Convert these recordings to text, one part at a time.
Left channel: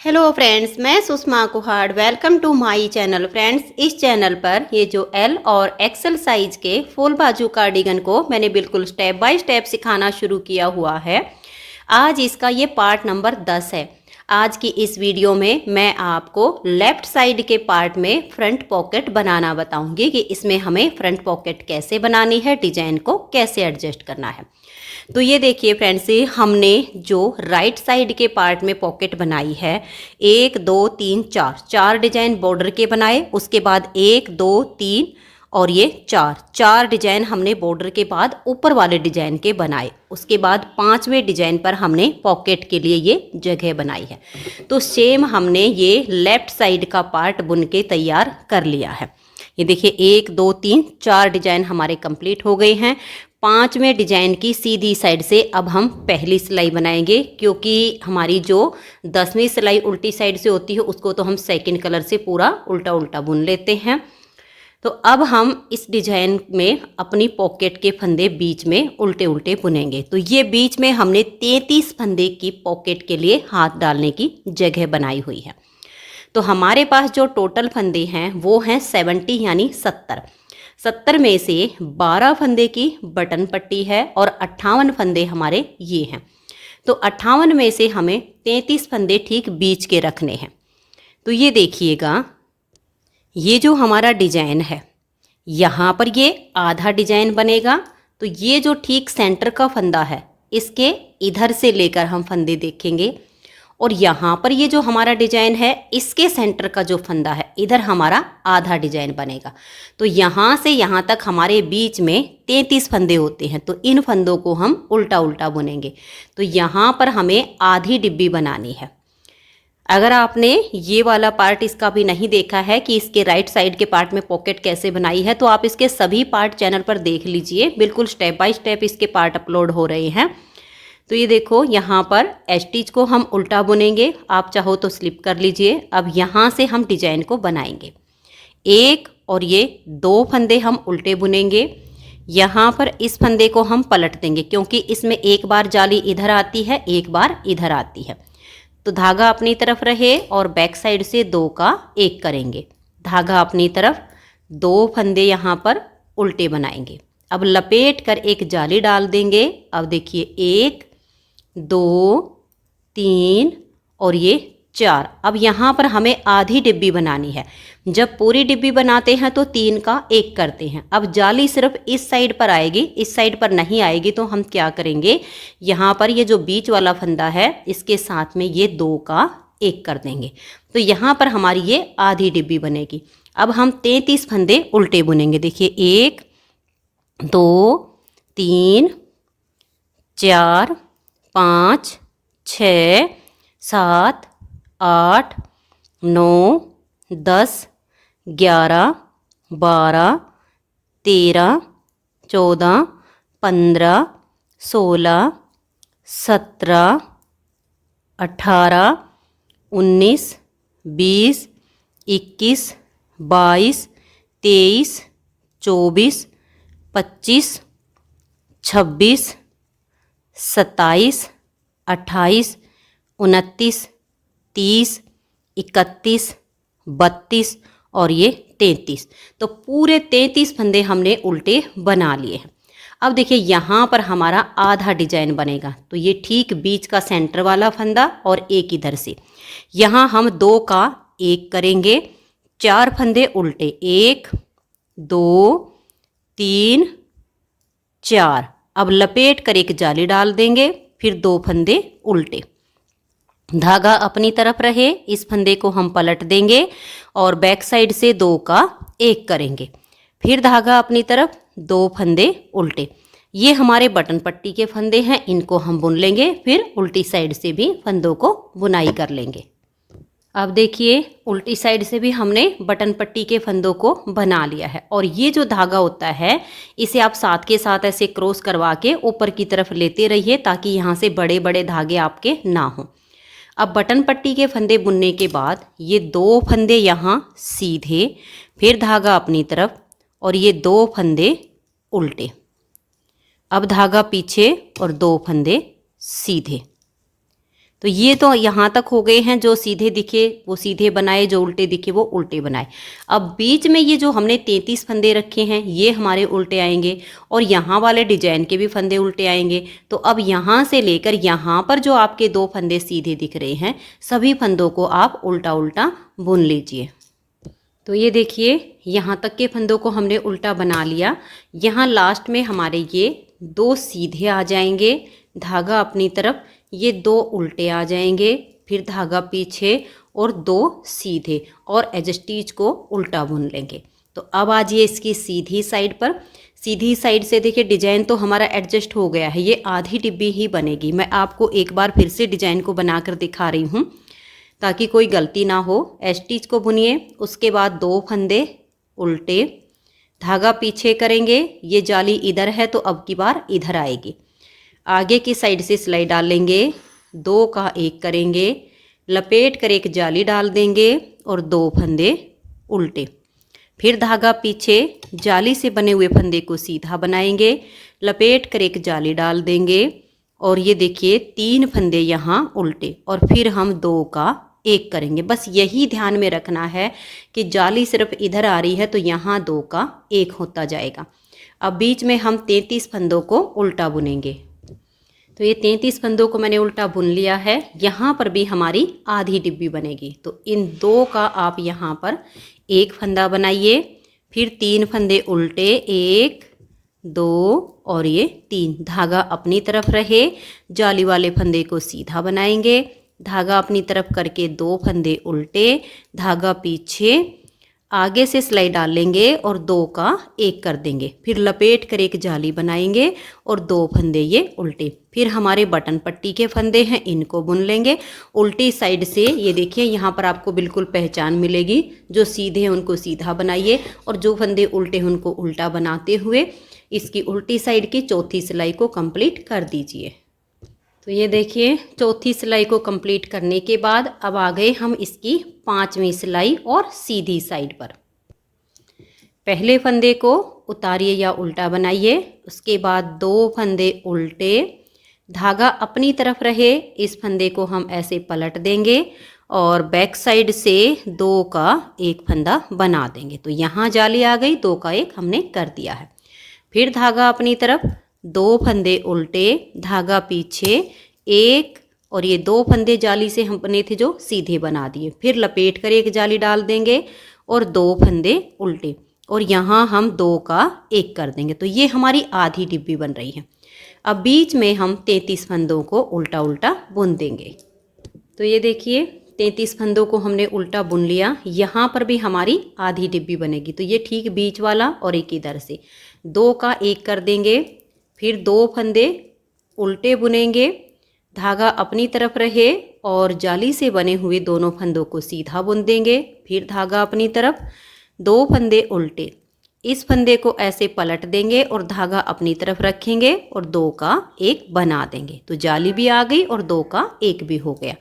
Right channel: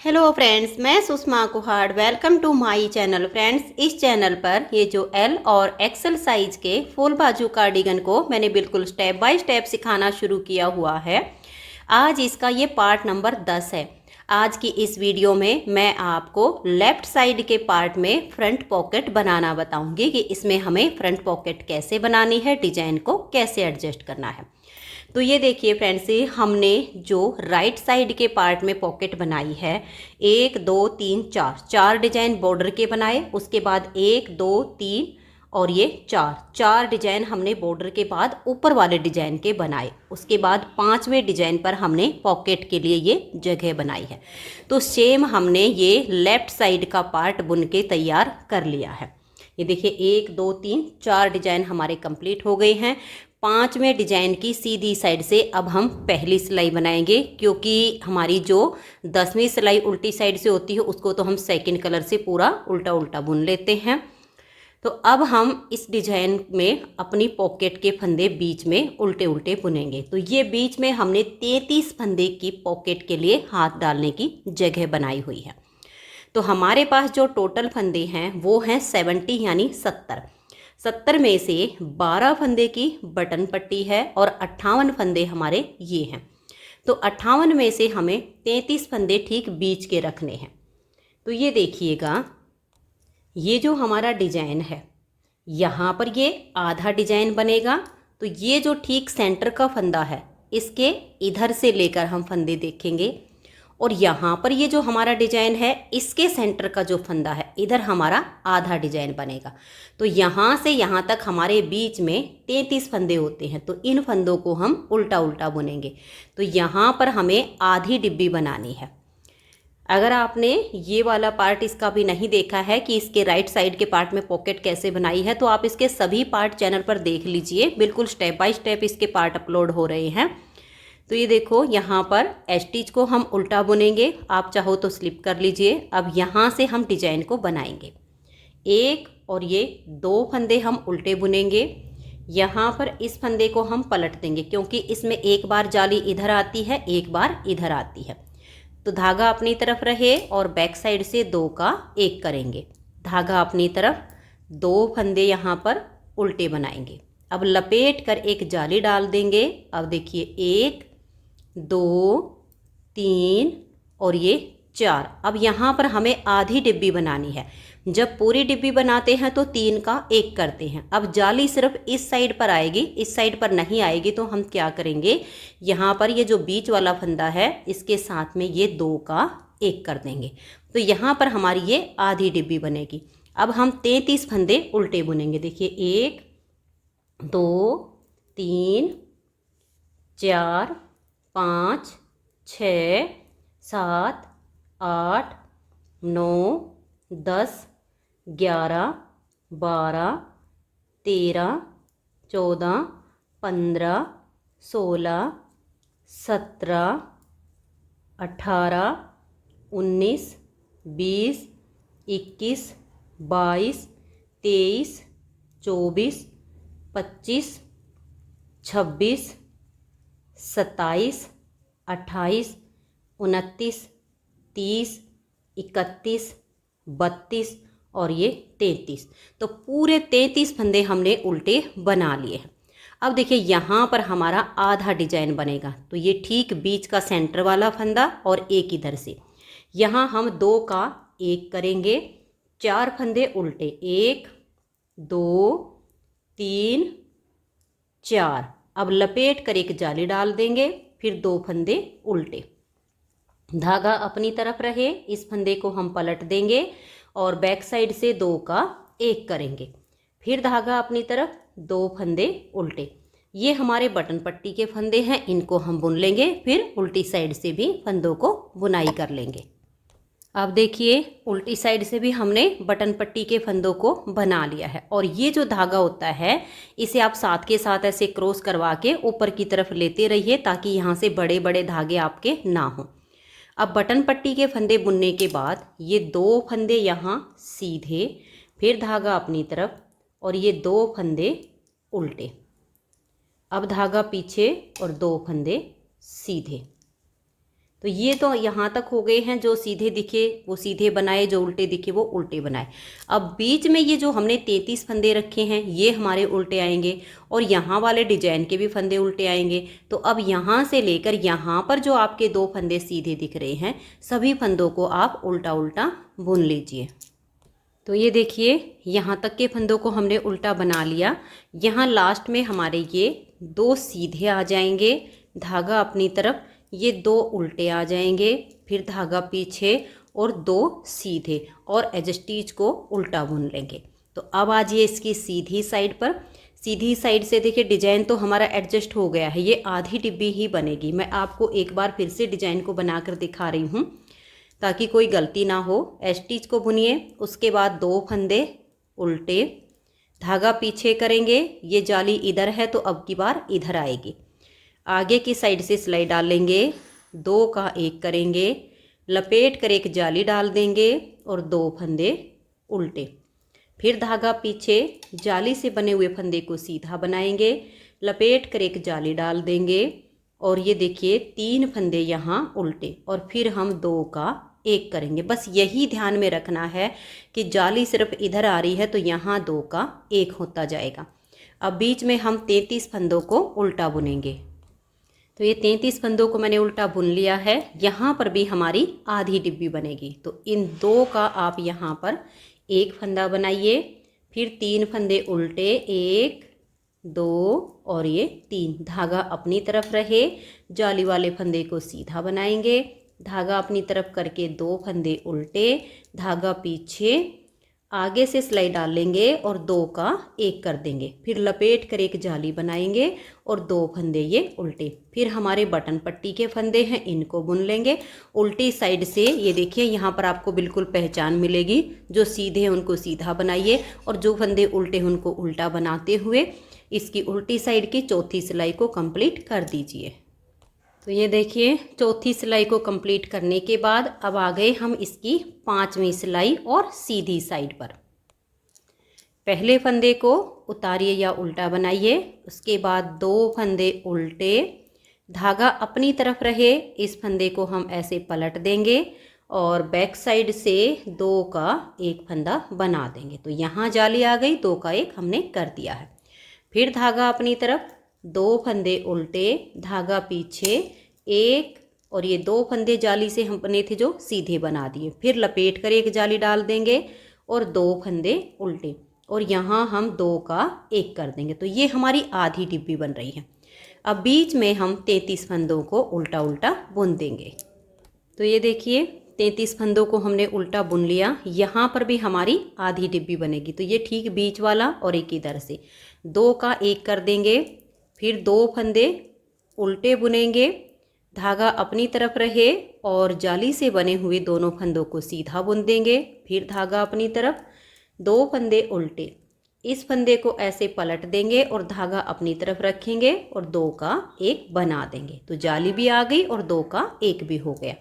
Hello friends, मैं Sushma Kuhad. Welcome to my channel. Friends, इस channel पर ये जो एल और एक्सेल साइज के फुल बाजू कार्डिगन को मैंने बिल्कुल स्टेप बाय स्टेप सिखाना शुरू किया हुआ है। आज इसका ये पार्ट नंबर 10 है। आज की इस वीडियो में मैं आपको लेफ़्ट साइड के पार्ट में फ्रंट पॉकेट बनाना बताऊंगी कि इसमें हमें फ्रंट पॉकेट कैसे बनानी है, डिजाइन को कैसे एडजस्ट करना है। तो ये देखिए फ्रेंड्स, हमने जो राइट साइड के पार्ट में पॉकेट बनाई है, 1 2 3 4 डिजाइन बॉर्डर के बनाए। उसके बाद 1 2 3 और ये चार डिजाइन हमने बॉर्डर के बाद ऊपर वाले डिजाइन के बनाए। उसके बाद 5वें डिजाइन पर हमने पॉकेट के लिए ये जगह बनाई है। तो सेम हमने ये लेफ्ट साइड का पार्ट बुन के तैयार कर लिया है। ये देखिए 1 2 3 4 डिजाइन हमारे कंप्लीट हो गए हैं। 5वें डिजाइन की सीधी साइड से अब हम पहली सिलाई बनाएंगे, क्योंकि हमारी जो 10वीं सिलाई उल्टी साइड से होती है उसको तो हम सेकंड कलर से पूरा उल्टा उल्टा बुन लेते हैं। तो अब हम इस डिजाइन में अपनी पॉकेट के फंदे बीच में उल्टे उल्टे बुनेंगे। तो ये बीच में हमने 33 फंदे की पॉकेट के लिए हाथ डालने की जगह बनाई हुई है। तो हमारे पास जो टोटल फंदे हैं वो हैं 70 यानी 70 में से 12 फंदे की बटन पट्टी है और 58 फंदे हमारे ये हैं। तो 58 में से हमें 33 फंदे ठीक बीच के रखने हैं। तो ये देखिएगा, ये जो हमारा डिजाइन है यहाँ पर ये आधा डिजाइन बनेगा। तो ये जो ठीक सेंटर का फंदा है इसके इधर से लेकर हम फंदे देखेंगे, और यहाँ पर ये जो हमारा डिजाइन है इसके सेंटर का जो फंदा है इधर हमारा आधा डिजाइन बनेगा। तो यहाँ से यहाँ तक हमारे बीच में 33 फंदे होते हैं। तो इन फंदों को हम उल्टा उल्टा बुनेंगे। तो यहाँ पर हमें आधी डिब्बी बनानी है। अगर आपने ये वाला पार्ट इसका भी नहीं देखा है कि इसके राइट साइड के पार्ट में पॉकेट कैसे बनाई है, तो आप इसके सभी पार्ट चैनल पर देख लीजिए। बिल्कुल स्टेप बाय स्टेप इसके पार्ट अपलोड हो रहे हैं। तो ये देखो, यहाँ पर स्टिच को हम उल्टा बुनेंगे। आप चाहो तो स्लिप कर लीजिए। अब यहाँ से हम डिजाइन को बनाएंगे। 1 और ये 2 फंदे हम उल्टे बुनेंगे। यहाँ पर इस फंदे को हम पलट देंगे, क्योंकि इसमें एक बार जाली इधर आती है, एक बार इधर आती है। तो धागा अपनी तरफ रहे और बैक साइड से 2 का 1 करेंगे। धागा अपनी तरफ, 2 फंदे यहाँ पर उल्टे बनाएंगे। अब लपेट कर एक जाली डाल देंगे। अब देखिए 1 2 3 और ये 4। अब यहाँ पर हमें आधी डिब्बी बनानी है। जब पूरी डिब्बी बनाते हैं तो 3 का 1 करते हैं। अब जाली सिर्फ इस साइड पर आएगी, इस साइड पर नहीं आएगी। तो हम क्या करेंगे, यहाँ पर ये जो बीच वाला फंदा है इसके साथ में ये 2 का 1 कर देंगे। तो यहाँ पर हमारी ये आधी डिब्बी बनेगी। अब हम 33 फंदे उल्टे बुनेंगे। देखिए 1 2 3 4 5 6 7 8 9 10 11 12 13 14 15 16 17 18 19 20 21 22 23 24 25 26 27 28 29 30 31 32 और ये 33। तो पूरे 33 फंदे हमने उल्टे बना लिए हैं। अब देखिए यहाँ पर हमारा आधा डिजाइन बनेगा। तो ये ठीक बीच का सेंटर वाला फंदा और एक इधर से, यहाँ हम 2 का 1 करेंगे। 4 फंदे उल्टे, 1 2 3 4। अब लपेट कर एक जाली डाल देंगे, फिर 2 फंदे उल्टे। धागा अपनी तरफ रहे, इस फंदे को हम पलट देंगे और बैक साइड से 2 का 1 करेंगे। फिर धागा अपनी तरफ, 2 फंदे उल्टे। ये हमारे बटन पट्टी के फंदे हैं, इनको हम बुन लेंगे। फिर उल्टी साइड से भी फंदों को बुनाई कर लेंगे। अब देखिए, उल्टी साइड से भी हमने बटन पट्टी के फंदों को बना लिया है। और ये जो धागा होता है इसे आप साथ के साथ ऐसे क्रॉस करवा के ऊपर की तरफ लेते रहिए, ताकि यहाँ से बड़े बड़े धागे आपके ना हों। अब बटन पट्टी के फंदे बुनने के बाद ये 2 फंदे यहाँ सीधे, फिर धागा अपनी तरफ और ये 2 फंदे उल्टे। अब धागा पीछे और 2 फंदे सीधे। तो ये तो यहाँ तक हो गए हैं, जो सीधे दिखे वो सीधे बनाए, जो उल्टे दिखे वो उल्टे बनाए। अब बीच में ये जो हमने 33 फंदे रखे हैं ये हमारे उल्टे आएंगे और यहाँ वाले डिजाइन के भी फंदे उल्टे आएंगे। तो अब यहाँ से लेकर यहाँ पर जो आपके 2 फंदे सीधे दिख रहे हैं सभी फंदों को आप उल्टा उल्टा बुन लीजिए। तो ये देखिए यहाँ तक के फंदों को हमने उल्टा बना लिया। यहाँ लास्ट में हमारे ये 2 सीधे आ जाएंगे, धागा अपनी तरफ, ये 2 उल्टे आ जाएंगे, फिर धागा पीछे और 2 सीधे, और एज स्टिच को उल्टा बुन लेंगे। तो अब आज ये इसकी सीधी साइड पर, सीधी साइड से देखिए डिजाइन तो हमारा एडजस्ट हो गया है, ये आधी डिब्बी ही बनेगी। मैं आपको एक बार फिर से डिजाइन को बनाकर दिखा रही हूँ ताकि कोई गलती ना हो। स्टिच को बुनिए, उसके बाद 2 फंदे उल्टे, धागा पीछे करेंगे, ये जाली इधर है तो अब की बार इधर आएगी, आगे की साइड से सिलाई डालेंगे, 2 का 1 करेंगे, लपेट कर एक जाली डाल देंगे और 2 फंदे उल्टे, फिर धागा पीछे, जाली से बने हुए फंदे को सीधा बनाएंगे, लपेट कर एक जाली डाल देंगे और ये देखिए 3 फंदे यहाँ उल्टे, और फिर हम 2 का 1 करेंगे। बस यही ध्यान में रखना है कि जाली सिर्फ इधर आ रही है तो यहाँ 2 का 1 होता जाएगा। अब बीच में हम 33 फंदों को उल्टा बुनेंगे। तो ये 33 फंदों को मैंने उल्टा बुन लिया है। यहाँ पर भी हमारी आधी डिब्बी बनेगी। तो इन 2 का आप यहाँ पर 1 फंदा बनाइए, फिर 3 फंदे उल्टे, 1 2 और ये 3, धागा अपनी तरफ रहे, जाली वाले फंदे को सीधा बनाएंगे, धागा अपनी तरफ करके 2 फंदे उल्टे, धागा पीछे, आगे से सिलाई डालेंगे और 2 का 1 कर देंगे, फिर लपेट कर एक जाली बनाएंगे और 2 फंदे ये उल्टे। फिर हमारे बटन पट्टी के फंदे हैं, इनको बुन लेंगे उल्टी साइड से। ये देखिए यहाँ पर आपको बिल्कुल पहचान मिलेगी, जो सीधे हैं उनको सीधा बनाइए और जो फंदे उल्टे हैं उनको उल्टा बनाते हुए इसकी उल्टी साइड की चौथी सिलाई को कंप्लीट कर दीजिए। तो ये देखिए चौथी सिलाई को कंप्लीट करने के बाद अब आ गए हम इसकी 5वीं सिलाई और सीधी साइड पर। पहले फंदे को उतारिए या उल्टा बनाइए, उसके बाद 2 फंदे उल्टे, धागा अपनी तरफ रहे, इस फंदे को हम ऐसे पलट देंगे और बैक साइड से 2 का 1 फंदा बना देंगे। तो यहाँ जाली आ गई, 2 का 1 हमने कर दिया है। फिर धागा अपनी तरफ, 2 फंदे उल्टे, धागा पीछे, 1 और ये 2 फंदे जाली से हम बने थे जो सीधे बना दिए, फिर लपेट कर एक जाली डाल देंगे और 2 फंदे उल्टे, और यहाँ हम 2 का 1 कर देंगे। तो ये हमारी आधी डिब्बी बन रही है। अब बीच में हम 33 फंदों को उल्टा उल्टा बुन देंगे। तो ये देखिए 33 फंदों को हमने उल्टा बुन लिया। यहाँ पर भी हमारी आधी डिब्बी बनेगी। तो ये ठीक बीच वाला और एक इधर से 2 का 1 कर देंगे, फिर 2 फंदे उल्टे बुनेंगे, धागा अपनी तरफ रहे और जाली से बने हुए दोनों फंदों को सीधा बुन देंगे, फिर धागा अपनी तरफ, 2 फंदे उल्टे, इस फंदे को ऐसे पलट देंगे और धागा अपनी तरफ रखेंगे और 2 का 1 बना देंगे। तो जाली भी आ गई और 2 का 1 भी हो गया।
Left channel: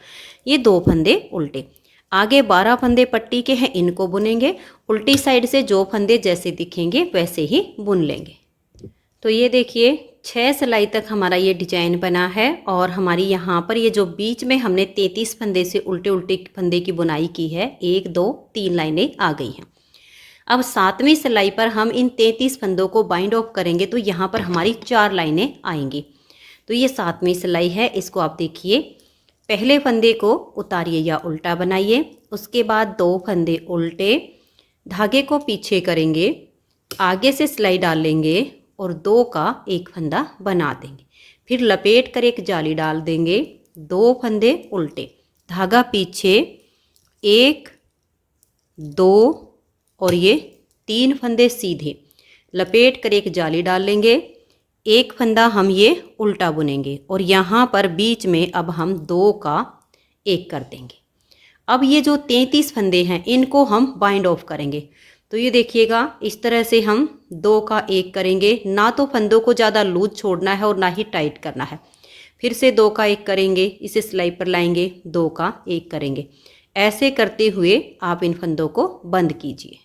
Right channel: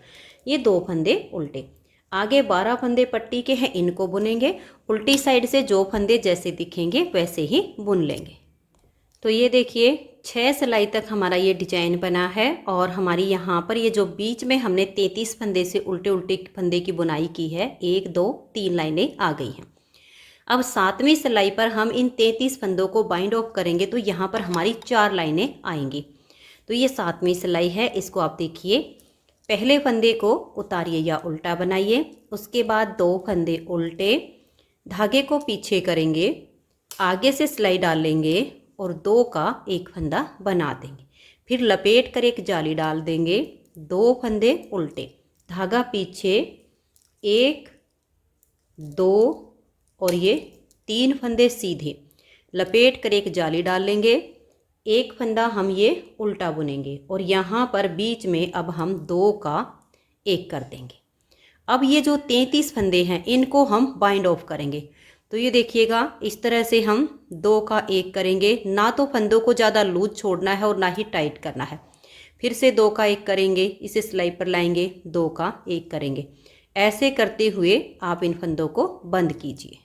ये 2 फंदे उल्टे। आगे 12 फंदे पट्टी के हैं, इनको बुनेंगे। उल्टी साइड से जो फंदे जैसे दिखेंगे वैसे ही बुन लेंगे। तो ये देखिए 6 सिलाई तक हमारा ये डिजाइन बना है और हमारी यहाँ पर ये जो बीच में हमने 33 फंदे से उल्टे उल्टे फंदे की बुनाई की है, 1 2 3 लाइनें आ गई हैं। अब 7वीं सिलाई पर हम इन 33 फंदों को बाइंड ऑफ करेंगे तो यहाँ पर हमारी 4 लाइनें आएंगी। तो ये 7वीं सिलाई है, इसको आप देखिए। पहले फंदे को उतारिए या उल्टा बनाइए, उसके बाद 2 फंदे उल्टे, धागे को पीछे करेंगे, आगे से सिलाई डालेंगे और 2 का 1 फंदा बना देंगे, फिर लपेट कर एक जाली डाल देंगे, 2 फंदे उल्टे, धागा पीछे, 1 2 और ये 3 फंदे सीधे, लपेट कर एक जाली डाल लेंगे, 1 फंदा हम ये उल्टा बुनेंगे और यहाँ पर बीच में अब हम 2 का 1 कर देंगे। अब ये जो 33 फंदे हैं इनको हम बाइंड ऑफ करेंगे। तो ये देखिएगा इस तरह से हम 2 का 1 करेंगे। ना तो फंदों को ज़्यादा लूज छोड़ना है और ना ही टाइट करना है। फिर से 2 का 1 करेंगे, इसे सिलाई पर लाएंगे, 2 का 1 करेंगे। ऐसे करते हुए आप इन फंदों को बंद कीजिए।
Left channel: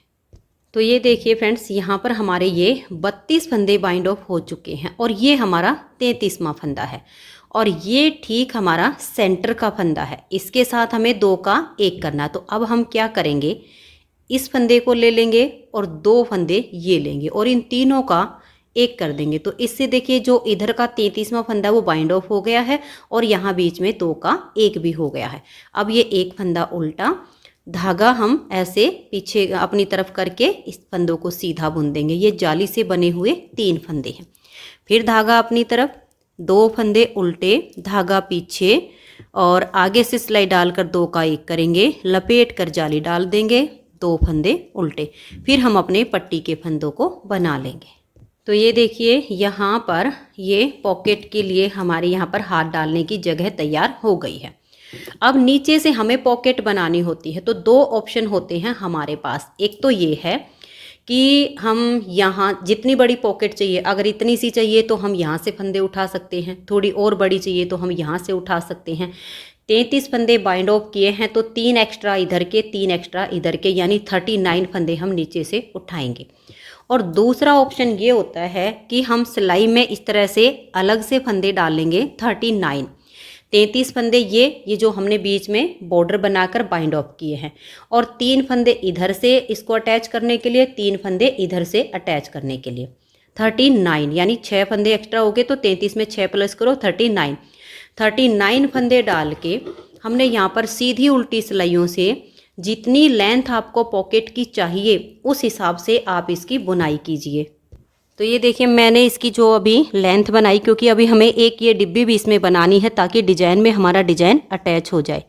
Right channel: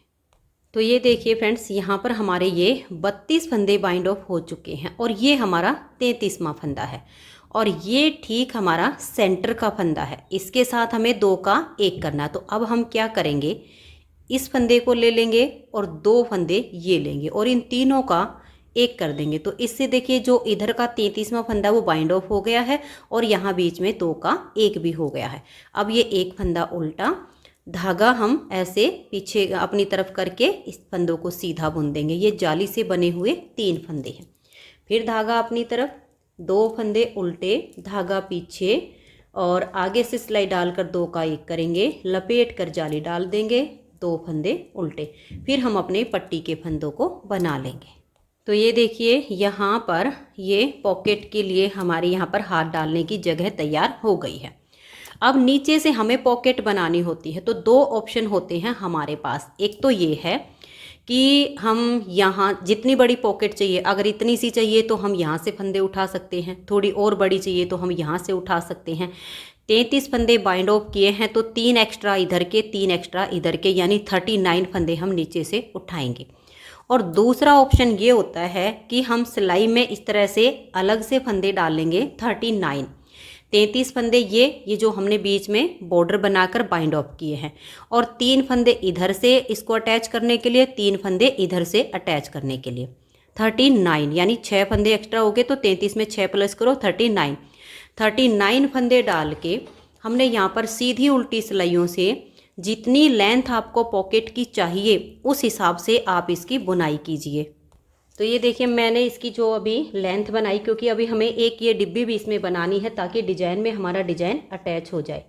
तो ये देखिए फ्रेंड्स, यहाँ पर हमारे ये 32 फंदे बाइंड ऑफ हो चुके हैं और ये हमारा 33वां फंदा है। और ये ठीक हमारा सेंटर का फंदा है। इसके साथ हमें 2 का 1 करना। तो अब हम क्या करेंगे, इस फंदे को ले लेंगे और 2 फंदे ये लेंगे और इन तीनों का 1 कर देंगे। तो इससे देखिए जो इधर का 33वां फंदा वो बाइंड ऑफ हो गया है और यहाँ बीच में 2 का 1 भी हो गया है। अब ये एक फंदा उल्टा, धागा हम ऐसे पीछे अपनी तरफ करके इस फंदों को सीधा बुन देंगे। ये जाली से बने हुए 3 फंदे हैं। फिर धागा अपनी तरफ, 2 फंदे उल्टे, धागा पीछे और आगे से सिलाई डालकर 2 का 1 करेंगे, लपेट कर जाली डाल देंगे, 2 फंदे उल्टे। फिर हम अपने पट्टी के फंदों को बना लेंगे। तो ये देखिए यहाँ पर ये पॉकेट के लिए हमारे यहाँ पर हाथ डालने की जगह तैयार हो गई है। अब नीचे से हमें पॉकेट बनानी होती है। तो 2 ऑप्शन होते हैं हमारे पास। एक तो ये है कि हम यहाँ जितनी बड़ी पॉकेट चाहिए, अगर इतनी सी चाहिए तो हम यहाँ से फंदे उठा सकते हैं, थोड़ी और बड़ी चाहिए तो हम यहाँ से उठा सकते हैं। 33 फंदे बाइंड ऑफ किए हैं तो 3 एक्स्ट्रा इधर के, 3 एक्स्ट्रा इधर के, यानी 39 फंदे हम नीचे से उठाएंगे। और दूसरा ऑप्शन ये होता है कि हम सिलाई में इस तरह से अलग से फंदे डालेंगे 39, 33 फंदे ये जो हमने बीच में बॉर्डर बनाकर बाइंड ऑफ किए हैं, और 3 फंदे इधर से इसको अटैच करने के लिए, 3 फंदे इधर से अटैच करने के लिए। 39 यानी 6 फंदे एक्स्ट्रा हो गए। तो 33 में 6 प्लस करो 39 फंदे डाल के हमने यहाँ पर सीधी उल्टी सिलाइयों से जितनी लेंथ आपको पॉकेट की चाहिए उस हिसाब से आप इसकी बुनाई कीजिए। तो ये देखिए मैंने इसकी जो अभी लेंथ बनाई, क्योंकि अभी हमें एक ये डिब्बी भी इसमें बनानी है ताकि डिजाइन में हमारा डिजाइन अटैच हो जाए।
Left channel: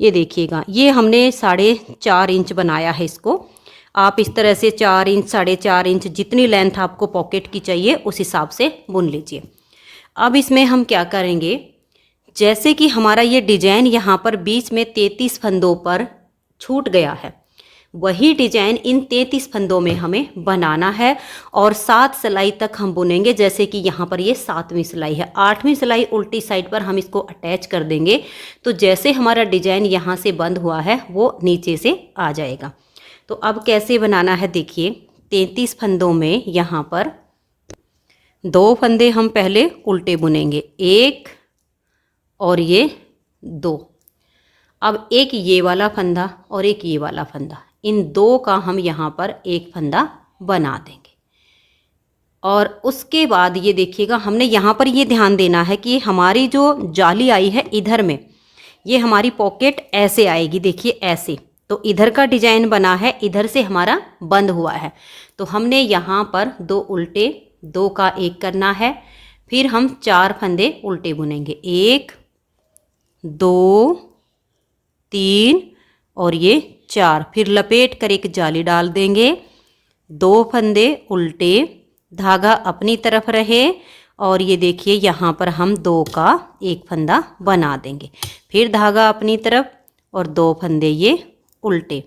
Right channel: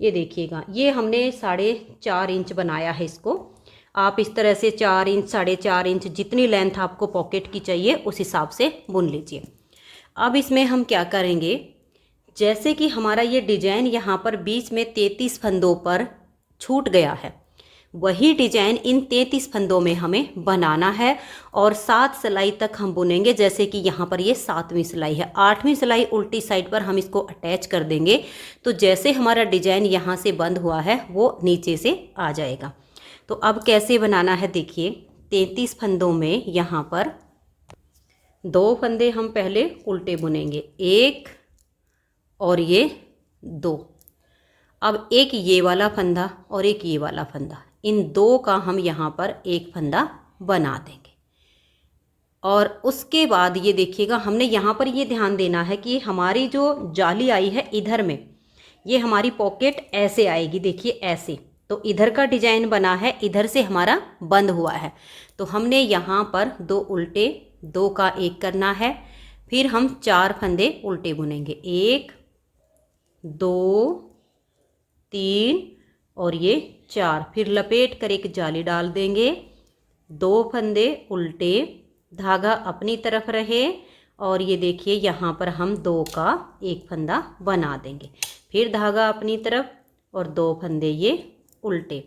ये देखिएगा, ये हमने 4.5 इंच बनाया है इसको। आप इस तरह से 4 इंच, 4.5 इंच जितनी लेंथ आपको पॉकेट की चाहिए उस हिसाब से बुन लीजिए। अब इसमें हम क्या करेंगे, जैसे कि हमारा ये डिजाइन यहाँ पर बीच में 33 फंदों पर छूट गया है, वही डिजाइन इन 33 फंदों में हमें बनाना है और 7 सिलाई तक हम बुनेंगे। जैसे कि यहाँ पर ये 7वीं सिलाई है, 8वीं सिलाई उल्टी साइड पर हम इसको अटैच कर देंगे। तो जैसे हमारा डिजाइन यहाँ से बंद हुआ है वो नीचे से आ जाएगा। तो अब कैसे बनाना है देखिए, 33 फंदों में यहाँ पर 2 फंदे हम पहले उल्टे बुनेंगे, 1 और ये 2। अब एक ये वाला फंदा और एक ये वाला फंदा, इन 2 का हम यहाँ पर एक फंदा बना देंगे। और उसके बाद ये देखिएगा, हमने यहाँ पर ये ध्यान देना है कि हमारी जो जाली आई है इधर में, ये हमारी पॉकेट ऐसे आएगी, देखिए ऐसे। तो इधर का डिजाइन बना है, इधर से हमारा बंद हुआ है। तो हमने यहाँ पर 2 उल्टे, 2 का 1 करना है। फिर हम 4 फंदे उल्टे बुनेंगे, 1 2 3 और ये 4। फिर लपेट कर एक जाली डाल देंगे, 2 फंदे उल्टे, धागा अपनी तरफ रहे और ये देखिए यहाँ पर हम 2 का 1 फंदा बना देंगे। फिर धागा अपनी तरफ और 2 फंदे ये उल्टे।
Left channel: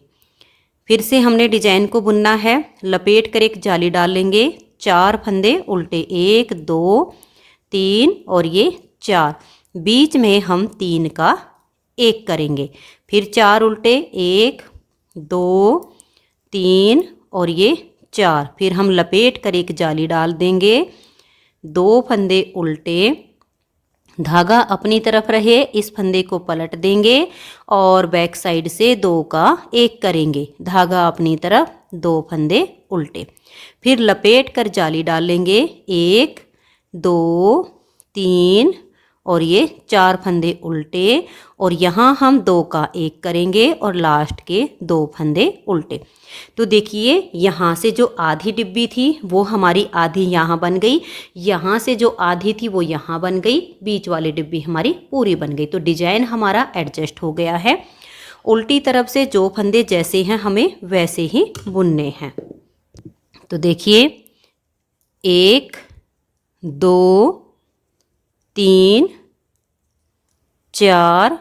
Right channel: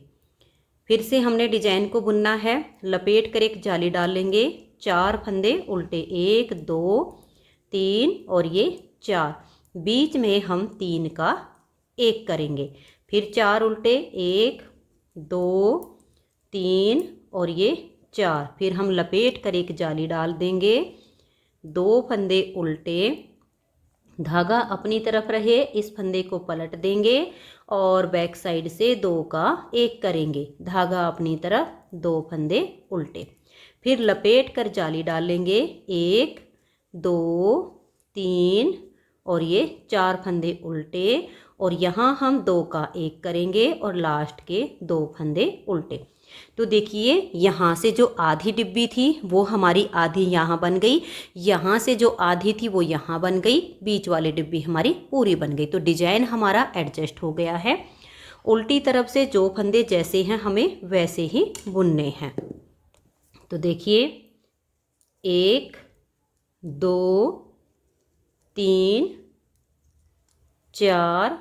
फिर से हमने डिजाइन को बुनना है, लपेट कर एक जाली डाल लेंगे, 4 फंदे उल्टे, 1 2 3 और ये 4। बीच में हम 3 का 1 करेंगे। फिर 4 उल्टे, 1 2 3 और ये 4। फिर हम लपेट कर एक जाली डाल देंगे, 2 फंदे उल्टे, धागा अपनी तरफ रहे, इस फंदे को पलट देंगे और बैक साइड से 2 का 1 करेंगे, धागा अपनी तरफ, 2 फंदे उल्टे। फिर लपेट कर जाली डाल लेंगे, 1 2 3 और ये 4 फंदे उल्टे और यहाँ हम 2 का 1 करेंगे और लास्ट के 2 फंदे उल्टे। तो देखिए यहाँ से जो आधी डिब्बी थी वो हमारी आधी यहाँ बन गई, यहाँ से जो आधी थी वो यहाँ बन गई, बीच वाली डिब्बी हमारी पूरी बन गई। तो डिजाइन हमारा एडजस्ट हो गया है। उल्टी तरफ से जो फंदे जैसे हैं हमें वैसे ही बुनने हैं। तो देखिए 1 2 3 4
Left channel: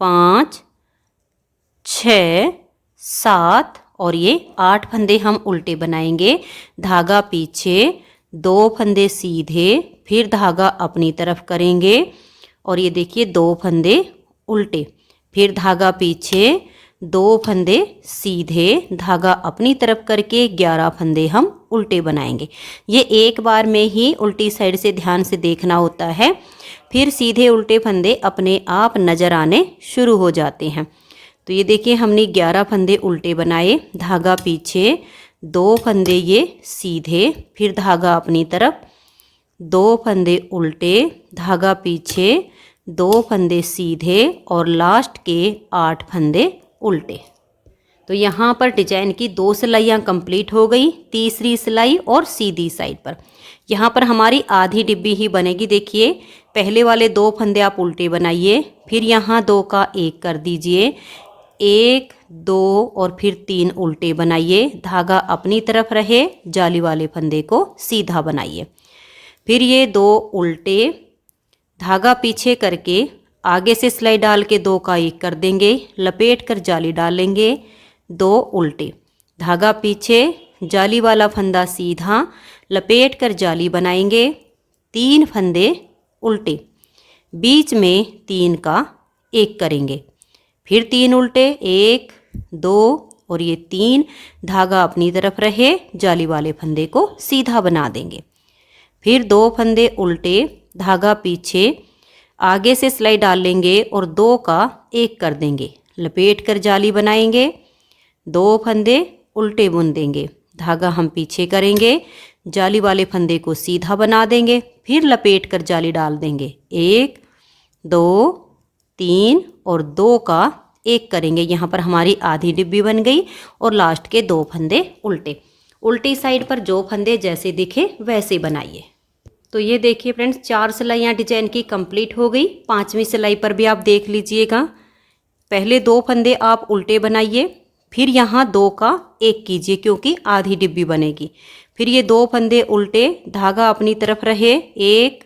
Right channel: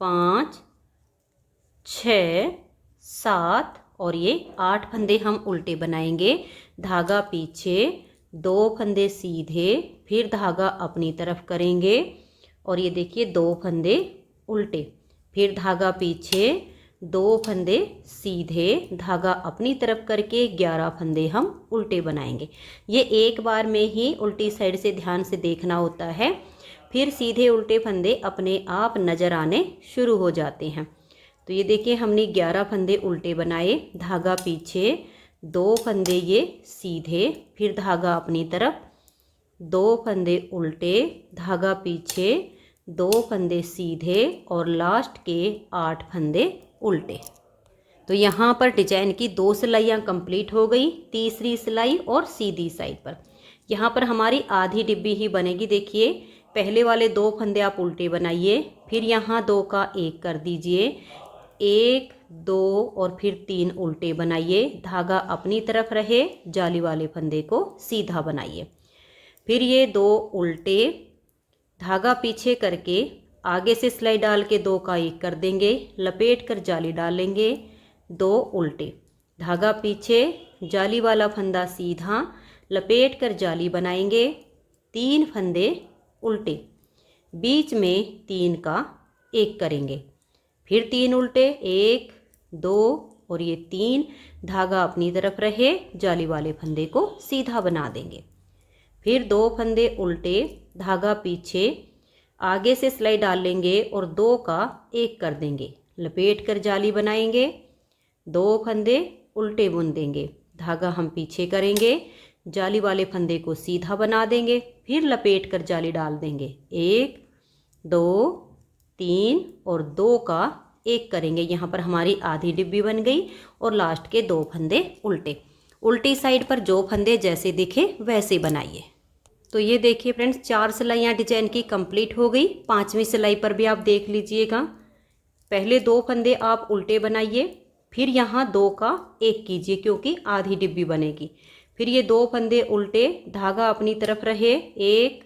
5 6 7 और ये 8 फंदे हम उल्टे बनाएंगे, धागा पीछे, 2 फंदे सीधे, फिर धागा अपनी तरफ करेंगे और ये देखिए 2 फंदे उल्टे, फिर धागा पीछे, 2 फंदे सीधे, धागा अपनी तरफ करके 11 फंदे हम उल्टे बनाएंगे। ये एक बार में ही उल्टी साइड से ध्यान से देखना होता है, फिर सीधे उल्टे फंदे अपने आप नज़र आने शुरू हो जाते हैं। तो ये देखिए हमने 11 फंदे उल्टे बनाए, धागा पीछे, 2 फंदे ये सीधे, फिर धागा अपनी तरफ, 2 फंदे उल्टे, धागा पीछे, 2 फंदे सीधे और लास्ट के 8 फंदे उल्टे। तो यहाँ पर डिजाइन की 2 सिलाइयाँ कंप्लीट हो गई, तीसरी सिलाई और सीधी साइड पर। यहाँ पर हमारी आधी डिब्बी ही बनेगी। देखिए पहले वाले 2 फंदे आप उल्टे बनाइए, फिर यहाँ 2 का 1 कर दीजिए, 1 2 और फिर 3 उल्टे बनाइए, धागा अपनी तरफ रहे, जाली वाले फंदे को सीधा बनाइए, फिर ये 2 उल्टे, धागा पीछे करके आगे से सिलाई डाल के 2 का 1 कर देंगे, लपेट कर जाली डालेंगे, 2 उल्टे, धागा पीछे, जाली वाला फंदा सीधा, लपेट कर जाली बनाएंगे, 3 फंदे उल्टे, बीच में 3 का 1 करेंगे, फिर 3 उल्टे, 1 2 और ये 3, धागा अपनी तरफ रहे, जाली वाले फंदे को सीधा बना देंगे, फिर 2 फंदे उल्टे, धागा पीछे, आगे से सिलाई डाल लेंगे और 2 का 1 कर देंगे, लपेट कर जाली बनाएंगे, 2 फंदे उल्टे बुन देंगे, धागा हम पीछे करेंगे, जाली वाले फंदे को सीधा बना देंगे, फिर लपेट कर जाली डाल देंगे, 1 2 3 और 2 का 1 करेंगे। यहाँ पर हमारी आधी डिब्बी बन गई और लास्ट के 2 फंदे उल्टे। उल्टी साइड पर जो फंदे जैसे दिखे वैसे बनाइए। तो ये देखिए फ्रेंड्स 4 सिलाइयाँ डिजाइन की कंप्लीट हो गई। 5वीं सिलाई पर भी आप देख लीजिएगा, पहले 2 फंदे आप उल्टे बनाइए, फिर यहाँ 2 का 1 कीजिए क्योंकि आधी डिब्बी बनेगी, फिर ये 2 फंदे उल्टे, धागा अपनी तरफ रहे, 1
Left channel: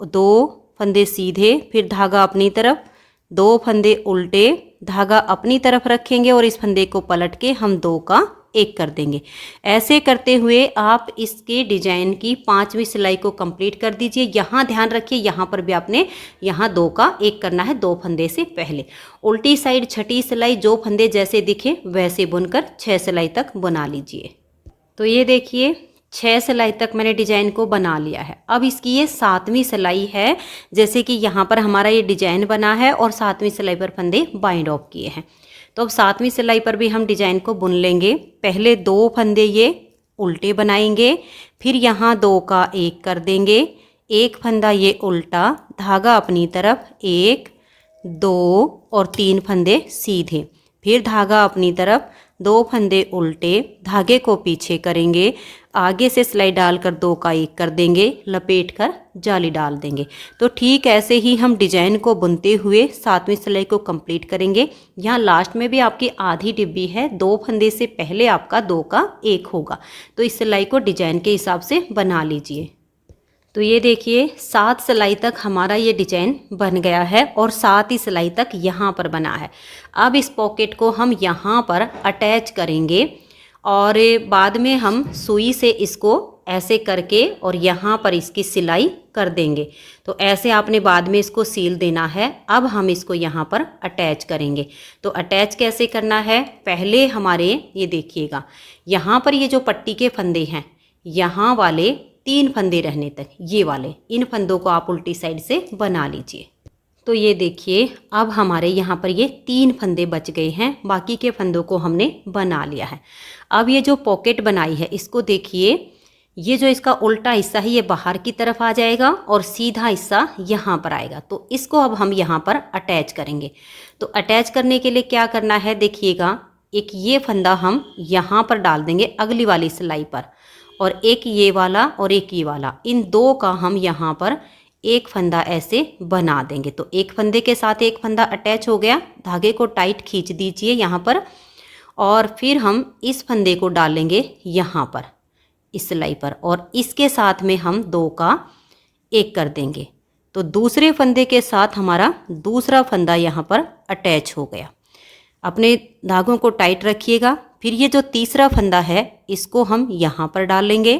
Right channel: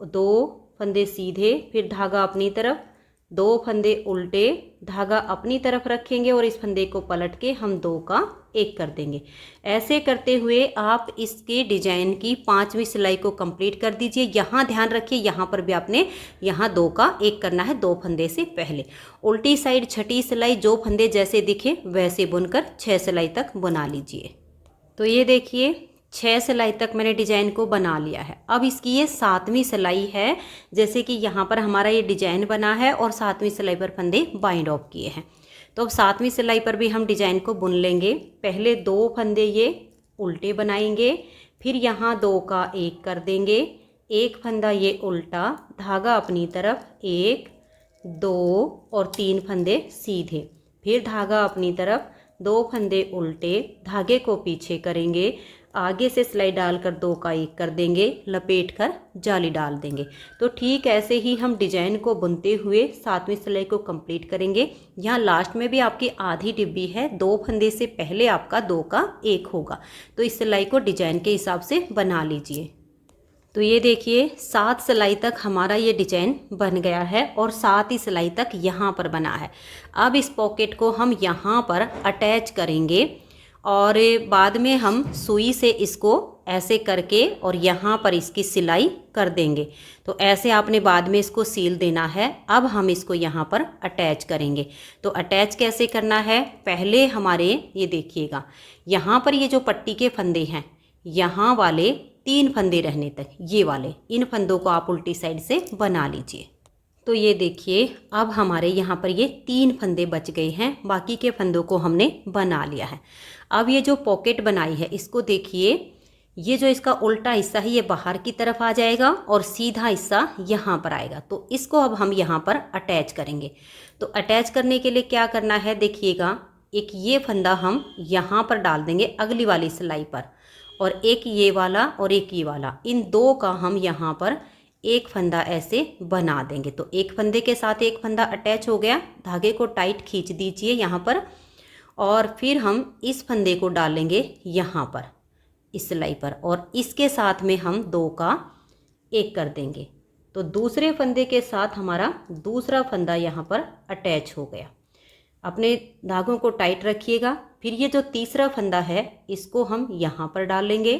2 फंदे सीधे, फिर धागा अपनी तरफ, 2 फंदे उल्टे, धागा अपनी तरफ रखेंगे और इस फंदे को पलट के हम 2 का 1 कर देंगे। ऐसे करते हुए आप इसके डिजाइन की 5वीं सिलाई को कंप्लीट कर दीजिए। यहाँ ध्यान रखिए, यहाँ पर भी आपने यहाँ 2 का 1 करना है 2 फंदे से पहले। उल्टी साइड छठी सिलाई जो फंदे जैसे दिखे वैसे बुनकर 6 सिलाई तक बना लीजिए। तो ये देखिए 6 सिलाई तक मैंने डिजाइन को बना लिया है। अब इसकी ये 7वीं सिलाई है, जैसे कि यहाँ पर हमारा ये डिजाइन बना है और 7वीं सिलाई पर फंदे बाइंड ऑफ किए हैं। तो अब 7वीं सिलाई पर भी हम डिजाइन को बुन लेंगे। पहले 2 फंदे ये उल्टे बनाएंगे, फिर यहाँ 2 का 1 कर देंगे, 1 फंदा ये उल्टा, धागा अपनी तरफ, 1 2 और 3 फंदे सीधे, फिर धागा अपनी तरफ, 2 फंदे उल्टे, धागे को पीछे करेंगे, आगे से सिलाई डालकर 2 का 1 कर देंगे, लपेट कर जाली डाल देंगे। तो ठीक ऐसे ही हम डिजाइन को बुनते हुए 7वीं सिलाई को कंप्लीट करेंगे। यहाँ लास्ट में भी आपकी आधी डिब्बी है, 2 फंदे से पहले आपका 2 का 1 होगा। तो इस सिलाई को डिजाइन के हिसाब से बना लीजिए। तो ये देखिए 7 सिलाई तक हमारा ये डिजाइन बन गया है और 7 ही सिलाई तक यहाँ पर बना है। अब इस पॉकेट को हम यहाँ पर अटैच करेंगे और बाद में हम सुई से इसको ऐसे करके और यहाँ पर इसकी सिलाई कर देंगे। तो ऐसे आपने बाद में इसको सील देना है। अब हम इसको यहाँ पर अटैच करेंगे। तो अटैच कैसे करना है, पहले हमारे ये देखिएगा यहाँ पर ये जो पट्टी के फंदे हैं, यहाँ वाले 3 फंदे रहने तक, ये वाले इन फंदों को आप उल्टी साइड से बना लीजिए। तो ये देखिए अब हमारे यहाँ पर ये 3 फंदे बच गए हैं, बाकी के फंदों को हमने बना लिया है। अब ये जो पॉकेट बनाई है इसको देखिए, ये जो इसका उल्टा हिस्सा है ये बाहर की तरफ आ जाएगा और सीधा हिस्सा यहाँ पर आएगा। तो इसको अब हम यहाँ पर अटैच करेंगे। तो अटैच करने के लिए क्या करना है देखिएगा, एक ये फंदा हम यहाँ पर डाल देंगे अगली वाली सिलाई पर, और एक ये वाला और एक ये वाला, इन 2 का हम यहाँ पर एक फंदा ऐसे बना देंगे। तो एक फंदे के साथ एक फंदा अटैच हो गया, धागे को टाइट खींच दीजिए यहाँ पर, और फिर हम इस फंदे को डालेंगे यहाँ पर इस सिलाई पर, और इसके साथ में हम 2 का 1 कर देंगे। तो दूसरे फंदे के साथ हमारा दूसरा फंदा यहाँ पर अटैच हो गया। अपने धागों को टाइट रखिएगा। फिर ये जो तीसरा फंदा है इसको हम यहाँ पर डालेंगे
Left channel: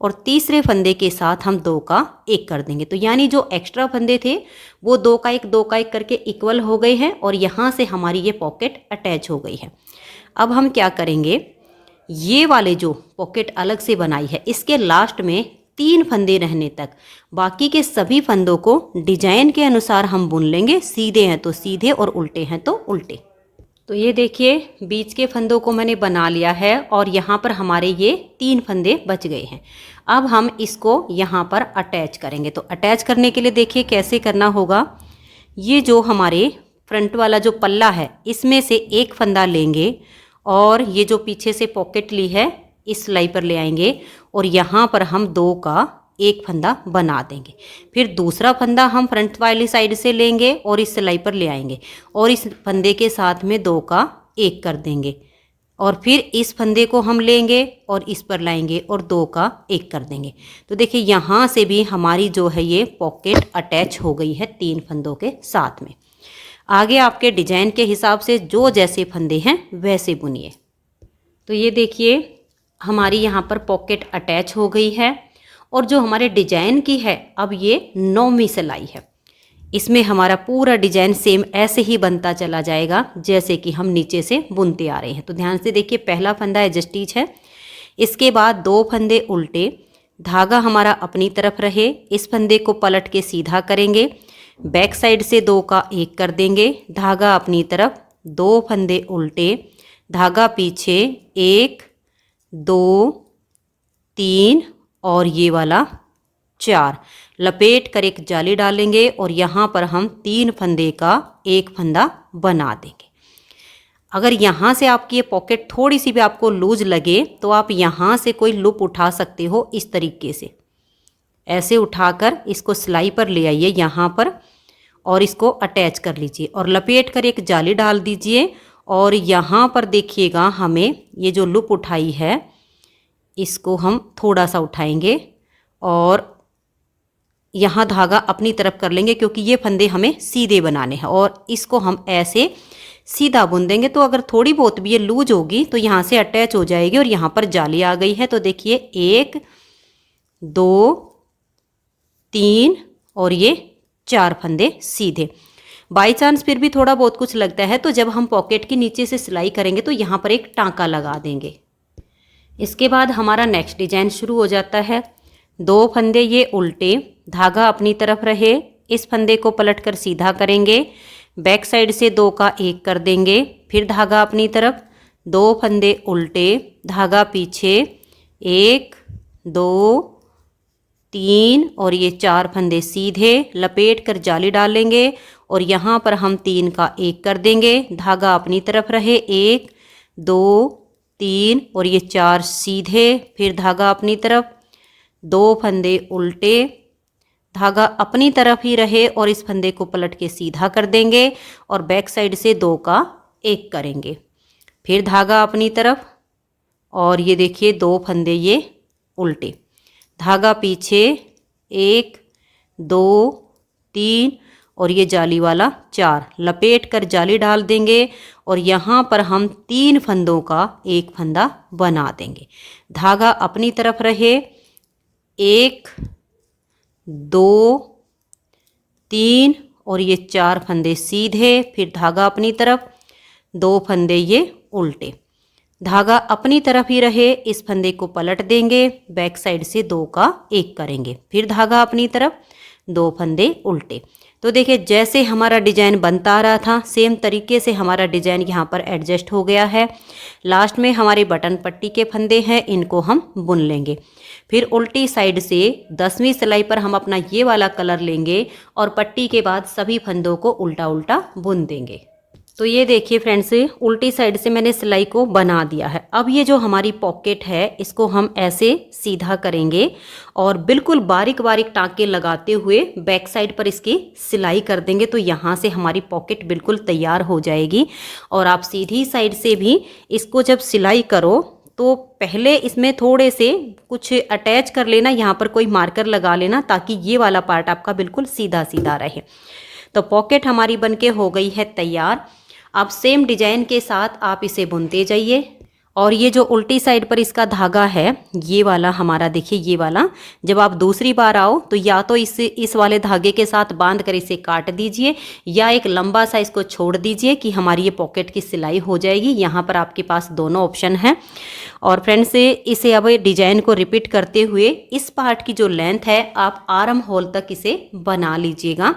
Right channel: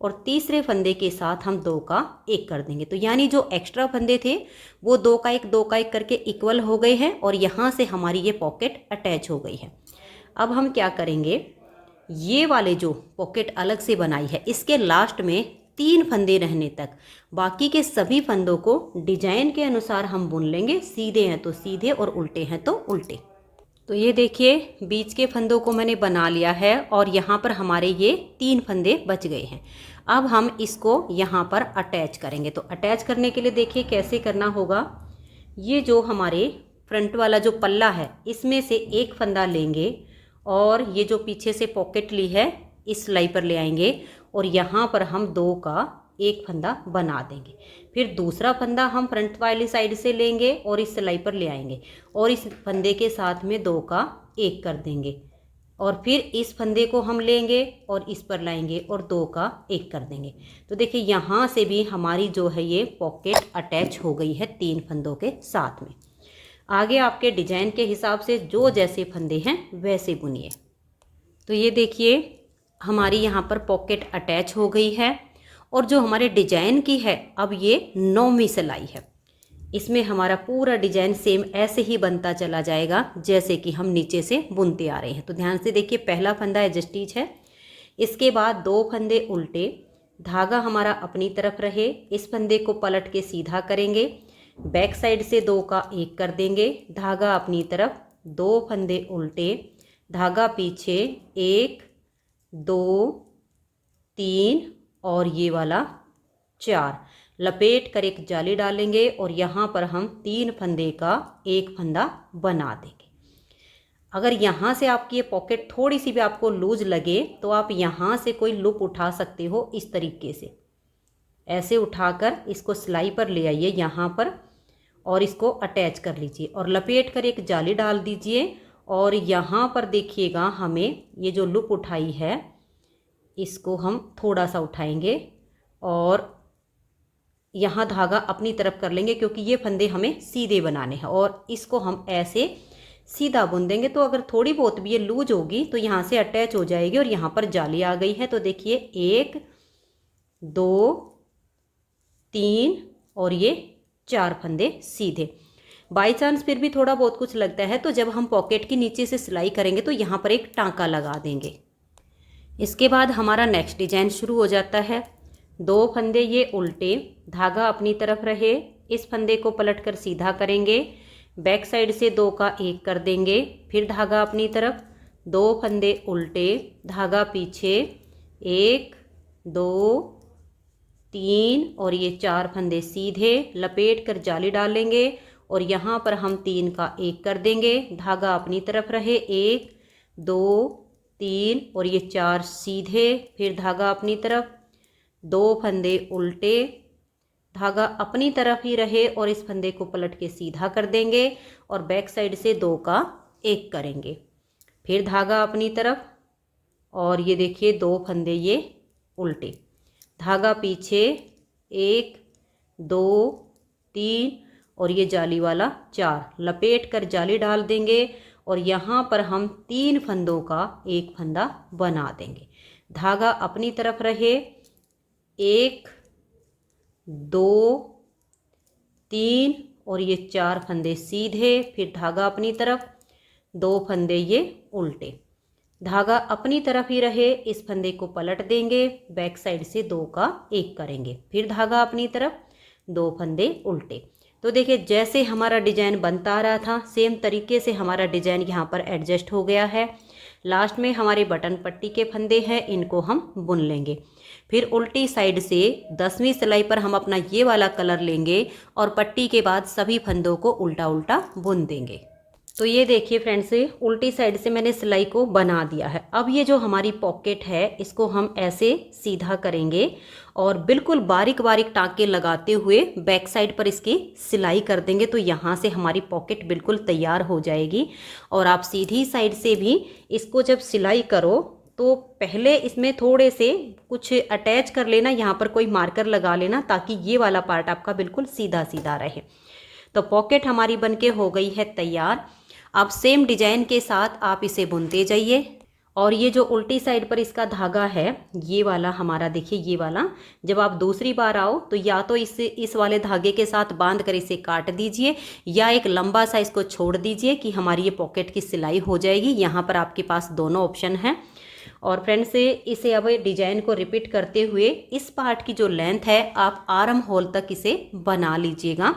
और तीसरे फंदे के साथ हम 2 का 1 कर देंगे। तो यानी जो एक्स्ट्रा फंदे थे वो 2 का 1 2 का 1 करके इक्वल हो गए हैं और यहाँ से हमारी ये पॉकेट अटैच हो गई है। अब हम क्या करेंगे, ये वाले जो पॉकेट अलग से बनाई है इसके लास्ट में 3 फंदे रहने तक बाकी के सभी फंदों को डिजाइन के अनुसार हम बुन लेंगे। सीधे हैं तो सीधे और उल्टे हैं तो उल्टे। तो ये देखिए बीच के फंदों को मैंने बना लिया है और यहाँ पर हमारे ये 3 फंदे बच गए हैं। अब हम इसको यहाँ पर अटैच करेंगे। तो अटैच करने के लिए देखिए कैसे करना होगा। ये जो हमारे फ्रंट वाला जो पल्ला है इसमें से एक फंदा लेंगे और ये जो पीछे से पॉकेट ली है इस सिलाई पर ले आएंगे और यहाँ पर हम 2 का 1 फंदा बना देंगे। फिर दूसरा फंदा हम फ्रंट वाली साइड से लेंगे और इस सिलाई पर ले आएंगे और इस फंदे के साथ में 2 का 1 कर देंगे और फिर इस फंदे को हम लेंगे और इस पर लाएंगे और 2 का 1 कर देंगे। तो देखिए यहाँ से भी हमारी जो है ये पॉकेट अटैच हो गई है 3 फंदों के साथ में। आगे आपके डिजाइन के हिसाब से जो जैसे फंदे हैं वैसे बुनिए। तो ये देखिए हमारी यहाँ पर पॉकेट अटैच हो गई है और जो हमारे डिजाइन की है अब ये 9वीं सिलाई है। इसमें हमारा पूरा डिजाइन सेम ऐसे ही बनता चला जाएगा जैसे कि हम नीचे से बुनते आ रहे हैं। तो ध्यान से देखिए पहला फंदा एज स्टिच है, इसके बाद 2 फंदे उल्टे, धागा हमारा अपनी तरफ रहे, इस फंदे को पलट के सीधा करेंगे, बैक साइड से 2 का 1 कर देंगे, धागा अपनी तरफ, 2 फंदे उल्टे, धागा पीछे, 1 2 3 और ये वाला 4, लपेट कर एक जाली डालेंगे और यहाँ पर हम 3 फंदे का 1 फंदा बना देंगे। अगर यहाँ से आपकी ये पॉकेट थोड़ी सी भी आपको लूज लगे तो आप यहाँ से कोई लूप उठा सकते हो। इस तरीके से ऐसे उठाकर इसको सिलाई पर ले आइए यहाँ पर और इसको अटैच कर लीजिए और लपेट कर एक जाली डाल दीजिए और यहाँ पर देखिएगा हमें ये जो लूप उठाई है इसको हम थोड़ा सा उठाएंगे और यहाँ धागा अपनी तरफ कर लेंगे क्योंकि ये फंदे हमें सीधे बनाने हैं और इसको हम ऐसे सीधा बुन देंगे। तो अगर थोड़ी बहुत भी ये लूज होगी तो यहाँ से अटैच हो जाएगी और यहाँ पर जाली आ गई है। तो देखिए 1 2 3 और ये 4 फंदे सीधे। बाई चांस फिर भी थोड़ा बहुत कुछ लगता है तो जब हम पॉकेट के नीचे से सिलाई करेंगे तो यहाँ पर एक टाँका लगा देंगे। इसके बाद हमारा नेक्स्ट डिजाइन शुरू हो जाता है। 2 फंदे ये उल्टे, धागा अपनी तरफ रहे, इस फंदे को पलटकर सीधा करेंगे, बैक साइड से 2 का 1 कर देंगे, फिर धागा अपनी तरफ, 2 फंदे उल्टे, धागा पीछे, 1 2 3 और ये 4 फंदे सीधे, लपेट कर जाली डालेंगे और यहाँ पर हम 3 का 1 कर देंगे, धागा अपनी तरफ रहे, 1 2 3 और ये 4 सीधे, फिर धागा अपनी तरफ, 2 फंदे उल्टे, धागा अपनी तरफ ही रहे और इस फंदे को पलट के सीधा कर देंगे और बैक साइड से 2 का 1 करेंगे, फिर धागा अपनी तरफ और ये देखिए 2 फंदे ये उल्टे, धागा पीछे, 1 2 3 और ये जाली वाला 4, लपेट कर जाली डाल देंगे और यहाँ पर हम 3 फंदों का 1 फंदा बना देंगे। धागा अपनी तरफ रहे, 1 2 3 और ये 4 फंदे सीधे, फिर धागा अपनी तरफ, 2 फंदे ये उल्टे, धागा अपनी तरफ ही रहे, इस फंदे को पलट देंगे, बैक साइड से 2 का 1 करेंगे, फिर धागा अपनी तरफ, 2 फंदे उल्टे। तो देखिए जैसे हमारा डिजाइन बनता आ रहा था सेम तरीके से हमारा डिजाइन यहाँ पर एडजस्ट हो गया है। लास्ट में हमारे बटन पट्टी के फंदे हैं, इनको हम बुन लेंगे। फिर उल्टी साइड से 10वीं सिलाई पर हम अपना ये वाला कलर लेंगे और पट्टी के बाद सभी फंदों को उल्टा उल्टा बुन देंगे। तो ये देखिए फ्रेंड्स उल्टी साइड से मैंने सिलाई को बना दिया है। अब ये जो हमारी पॉकेट है इसको हम ऐसे सीधा करेंगे और बिल्कुल बारीक बारीक टाँके लगाते हुए बैक साइड पर इसकी सिलाई कर देंगे। तो यहाँ से हमारी पॉकेट बिल्कुल तैयार हो जाएगी। और आप सीधी साइड से भी इसको जब सिलाई करो तो पहले इसमें थोड़े से कुछ अटैच कर लेना, यहाँ पर कोई मार्कर लगा लेना ताकि ये वाला पार्ट आपका बिल्कुल सीधा सीधा रहे। तो पॉकेट हमारी बनके हो गई है तैयार। अब सेम डिजाइन के साथ आप इसे बुनते जाइए और ये जो उल्टी साइड पर इसका धागा है, ये वाला हमारा देखिए, ये वाला जब आप दूसरी बार आओ तो या तो इस वाले धागे के साथ बांध कर इसे काट दीजिए, या एक लंबा सा इसको छोड़ दीजिए कि हमारी ये पॉकेट की सिलाई हो जाएगी। यहाँ पर आपके पास दोनों ऑप्शन हैं। और फ्रेंड्स इसे अब डिजाइन को रिपीट करते हुए इस पार्ट की जो लेंथ है आप आर्म होल तक इसे बना लीजिएगा।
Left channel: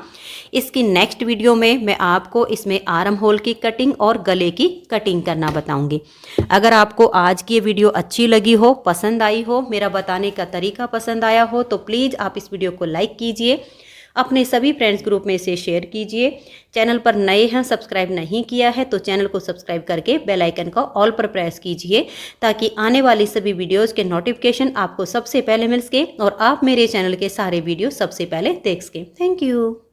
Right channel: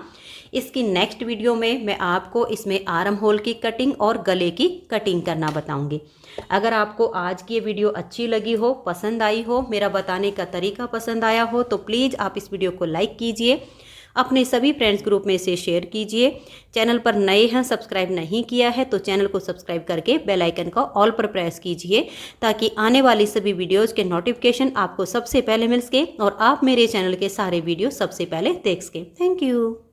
इसकी नेक्स्ट वीडियो में मैं आपको इसमें आर्म होल की कटिंग और गले की कटिंग करना बताऊंगी। अगर आपको आज की ये वीडियो अच्छी लगी हो, पसंद आई हो, मेरा बताने का तरीका पसंद आया हो, तो प्लीज़ आप इस वीडियो को लाइक कीजिए, अपने सभी फ्रेंड्स ग्रुप में इसे शेयर कीजिए। चैनल पर नए हैं, सब्सक्राइब नहीं किया है तो चैनल को सब्सक्राइब करके बेल आइकन का ऑल पर प्रेस कीजिए, ताकि आने वाली सभी वीडियोस के नोटिफिकेशन आपको सबसे पहले मिल सके और आप मेरे चैनल के सारे वीडियो सबसे पहले देख सकें। Thank you.